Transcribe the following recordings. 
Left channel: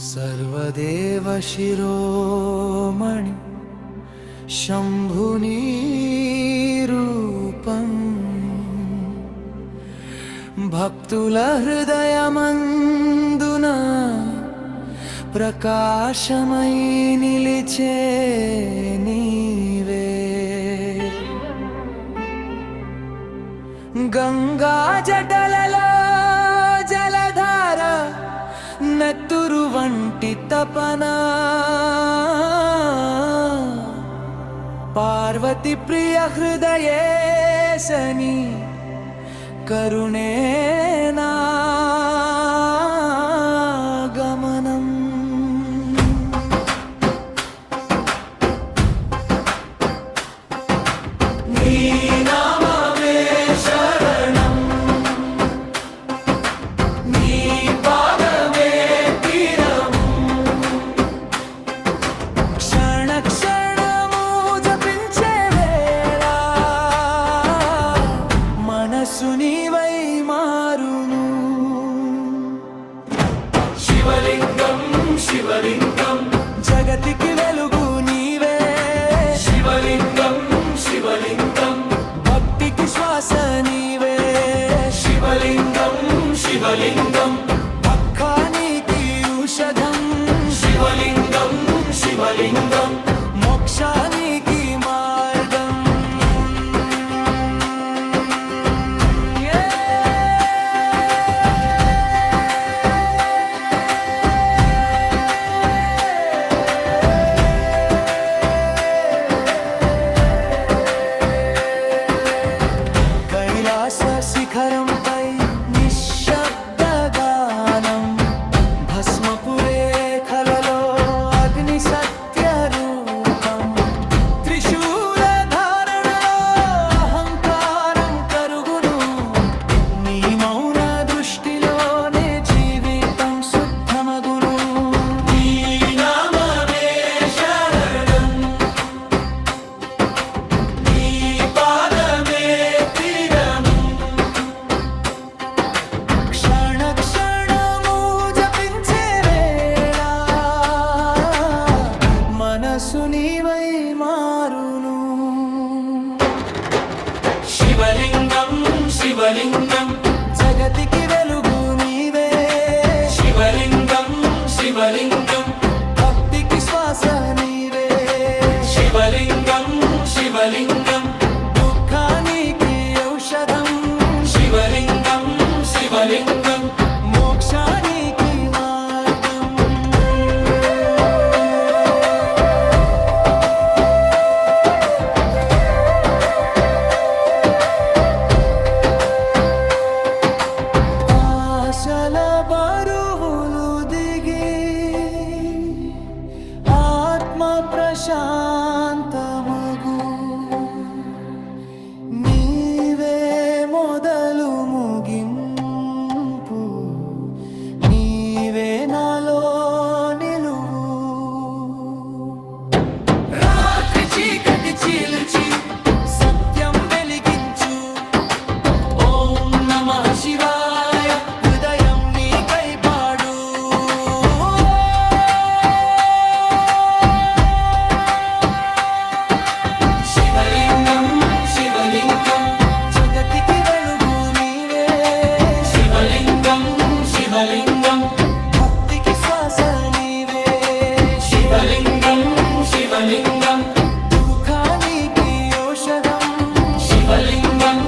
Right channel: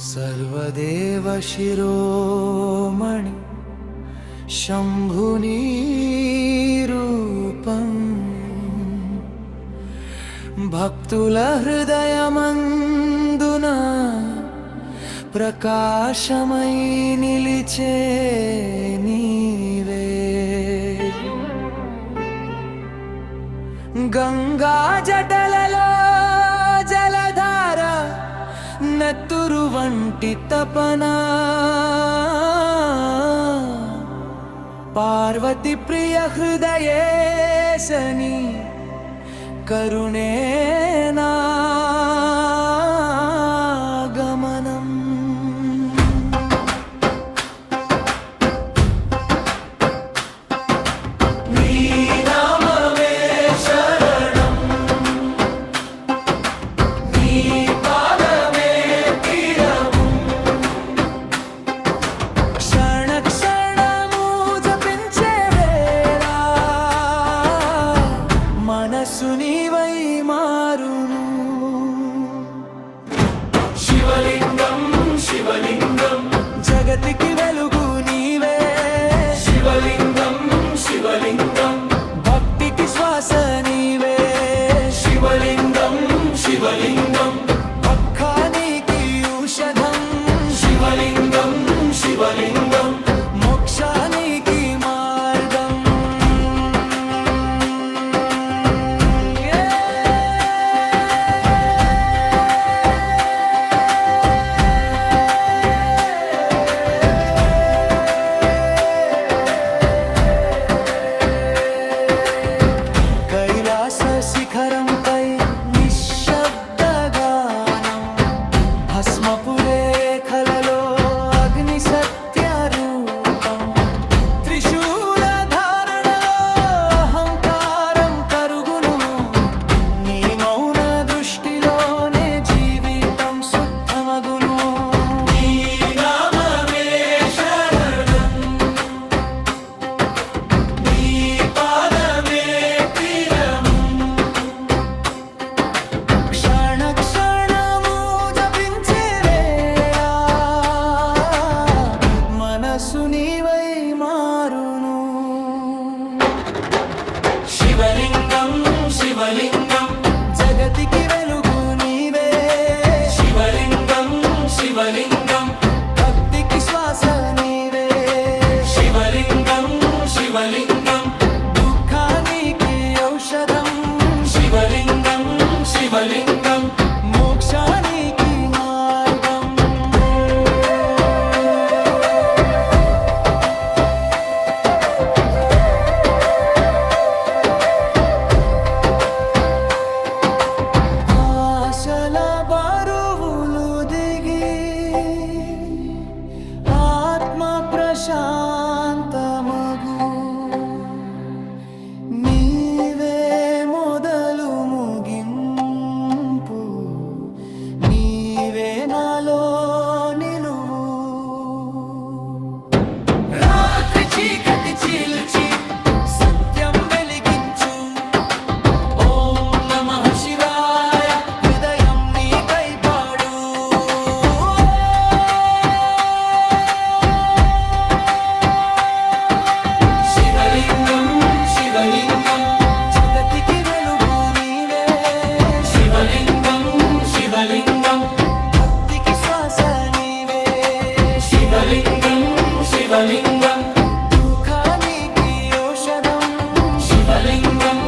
सर्वदेव शिरोमणि शंभुनी रूपं भक्तुल हृदयमंदुन प्रकाशमై నిలిచే నీవే గంగా జటలలో జలధార నెత్తురు వంటి తపన పార్వతి ప్రియ హృదయేశని కరుణేనా గమనం మనసు నీవై మారును శివలింగం శివలింగం జగతికి వెలుగు నీవే శివలింగం శివలింగం భక్తికి శ్వాస నీవే శివలింగం శివలింగం భక్తానికి ఔషధం శివలింగం శివలింగం మోక్షానికి మార్గం కైలాస శిఖరంపై నిశ్శబ్దగానం భస్మపు రేఖలలో అగ్ని సత్య రూపం త్రిశూల ధారణలో అహంకారం కరుగును నీ మౌన దృష్టిలోనే జీవితం శుద్ధమగును మనసు నీవై మారును శివలింగం శివలింగం జగతికి వెలుగు నీవే శివలింగం శివలింగం భక్తికి శ్వాస నీవే శివలింగం శివలింగం దుఃఖానికి ఔషధం శివలింగం శివలింగం మోక్షానికి మార్గం ఆశల బరువులు దిగి ఆత్మ ప్రశాంతమగు నీవే మొదలు ముగింపు నీవే నాలో నిలువు రాత్రి చీకటి చీల్చి సత్యం వెలిగించు ఓం నమః శివాయ హృదయం నీకై పాడు శివలింగం శివలింగం జగతికి వెలుగు నీవే శివలింగం శివలింగం భక్తికి శ్వాస నీవే శివలింగం శివలింగం దుఃఖానికి ఔషధం శివలింగం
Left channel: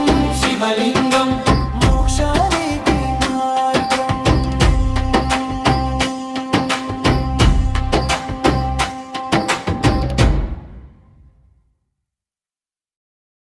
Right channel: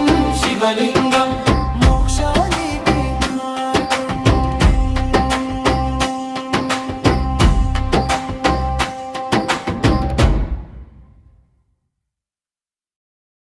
శివలింగం మోక్షానికి మార్గం